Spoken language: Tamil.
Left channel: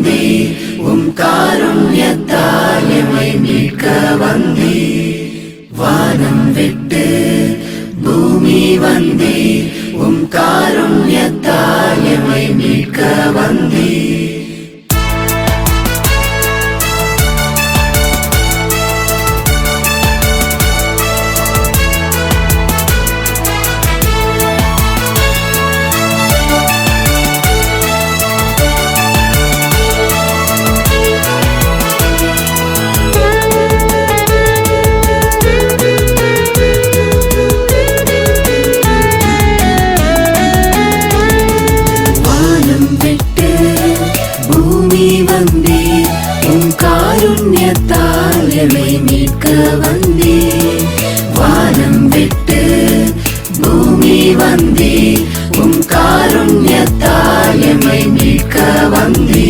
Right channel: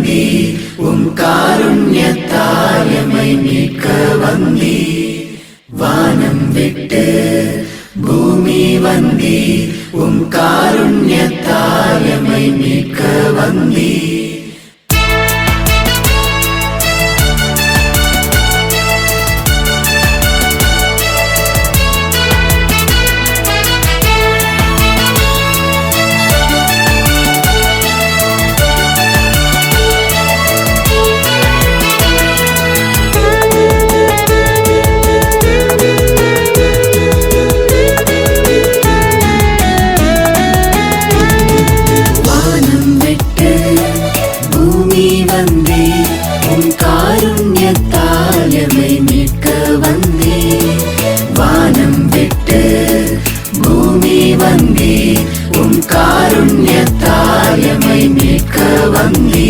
வந்தி காருண்யத்தால் எமை மீட்க வந்தி வானம் விட்டு பூமி வந்தி காருண்யத்தால் எமை மீட்க வந்தி காருண்யத்தால் எமை மீட்க வந்தி வானம் விட்டு பூமி வந்தி காருண்யத்தால் எமை மீட்க வந்தி